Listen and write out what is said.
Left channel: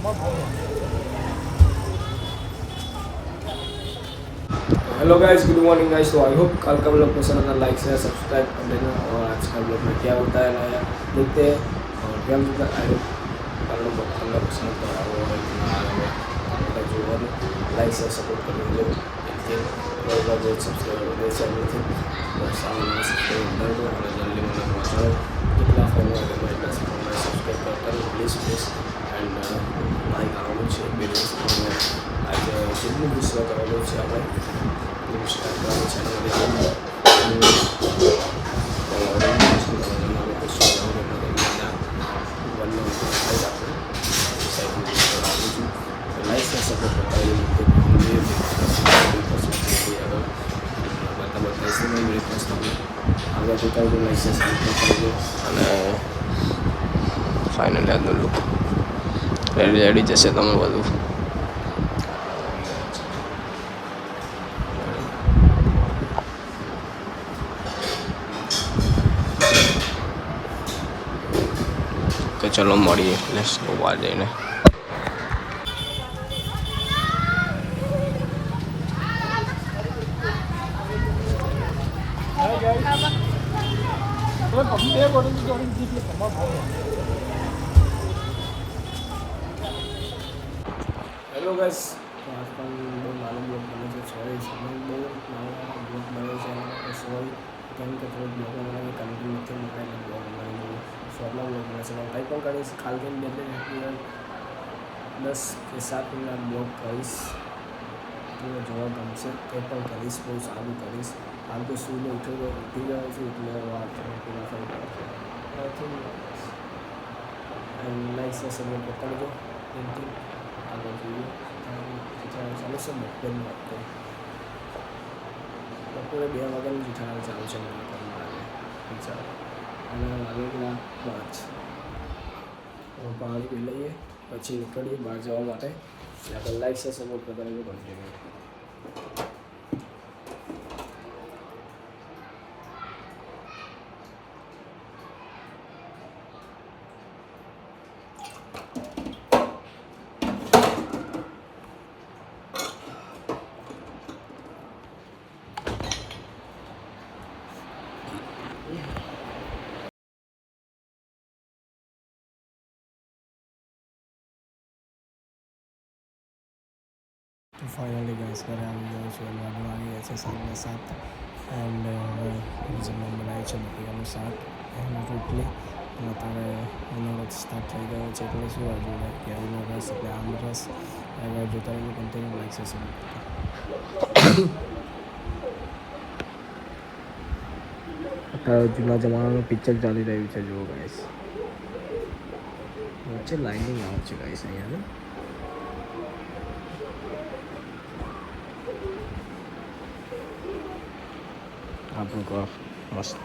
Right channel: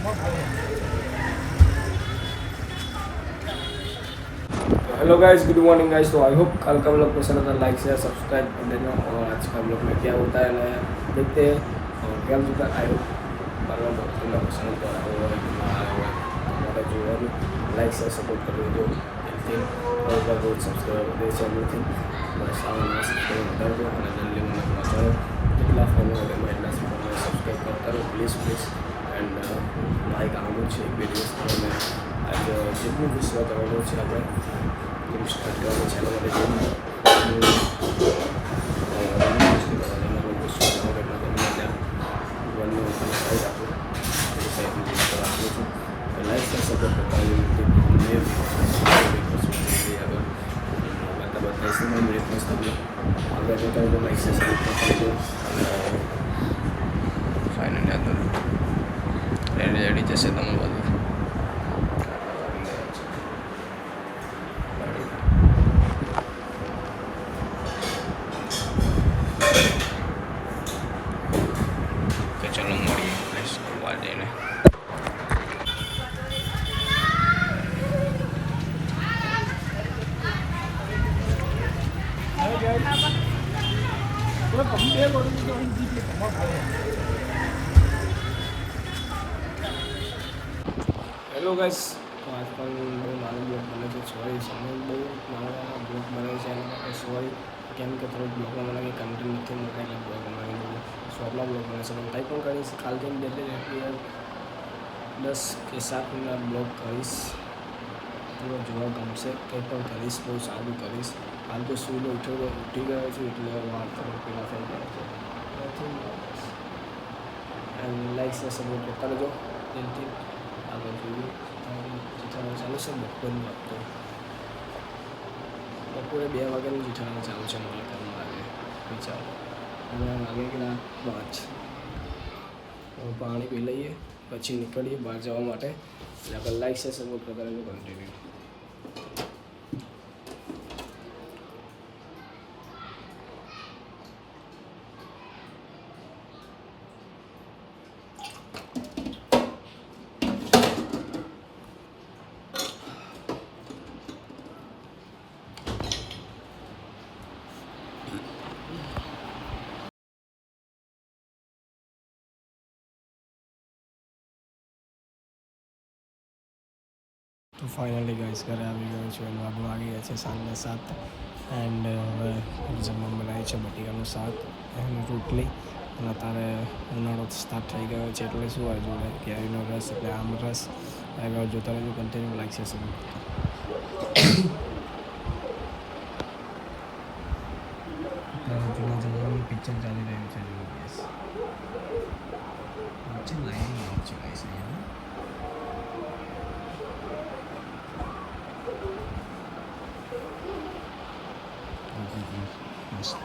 Hello guys, good morning guys. तो I hope कल का ब्लॉग पसंद आता है, लाइक शेयर सब्सक्राइब कर देना। और आज का ब्लॉग में क्या होता है नया देखते हैं। और गेम तो आई होप कल का ठंडा पसंद तो आया हुआ है हमारा जो है लाइक शेयर सपोर्ट कर दो। और बार बहुत सब्सक्राइब कर दे एवरीथिंग बस आवना सब्सक्राइब कर दो और जल्दी મને बताओ કેટલા ફોલોઅર એમાં એટલા સબસ્ક્રાઇબ કરો પ્લીઝ એન્ડ લાઈક આવવાનું છે બે દિવસમાં आज जितनी भी सेवा करवानी है આપણે સ્ટાર્ટ કરવાનું છે એના માટે જેમ લાઈક સપોર્ટ કરતા આગળ જોતા હોય તો લાઈક સબસ્ક્રાઈબ કરજો અને ફાઇનલી આગળ રેડી જશે તમારું બધું. તો ચલો મળીએ લેટ્સ ગો બહાર જઈને. હેલો ગાઈસ, તો આજ પણ બહુ નાનો બ્લોગ બને છે. સોરી, સમય બહુ નાના બ્લોગ બને છે એના માટે સોરી. કેમ કે થોડું બ્લોગમાં મને કંઈ કન્ટેન્ટ નથી મળતા એટલે બ્લોગ અમારે બહુ શોર્ટના બ્લોગ બને છે. પણ કંઈ પણ કરીશ ખાલી ડેલી 10 કે 7 મિનિટના બ્લોગ કરીશ. પૂરો જોવા ગમશે. કંઈ પણ કરીશ બહુ સારું કરીશ. હાલ તો સૂઈને ઉઠી ગયો છું એટલે વાર થોડી પેલા થઈ ગયા છે. એન્ડ લાઈક શેર સબસ્ક્રાઈબ કરતા રહેજો. દિલથી આગળ જોઈએ જેઠાલાલ ચાલુ છે. બપોરનું આપતો બપોરે 2 વાગ્યાનું જેઠાલાલ ચાલુ છે મને ઘરમાં લાગે વિચાર અને લાગે કે 5. પાણી પી લઈએ પછી નીકળીએ બહાર જવા માટે. આગળ લાઈક શેર સપોર્ટ કરતા રહેજો કન્ટિન્યુ. તો ફાઇનલી ગાઈસ ઘરે આવી ગયો છું અને વાગવા આવી ગયા છે 7:30. એન્ડ હવે જમવા બનાવી છે બટેકાનું શાક અને રોટલી. અને અત્યારે ઉનાળો સ્ટાર્ટ થઈ ગયો છે એટલે શું આ જોડે કેરીનો રસ એટલે આમ રસ. આગળ જોતા રહેજો કન્ટિન્યુ લાઈક છે સબ. જૂના જમાનાનું પિક્ચર ચાલી રહ્યું છે જુઓ ગાઈસ. વચ્ચે લાઈનિંગ આવે છે ગાઈસ અહીંયા. આપણું મસ્ત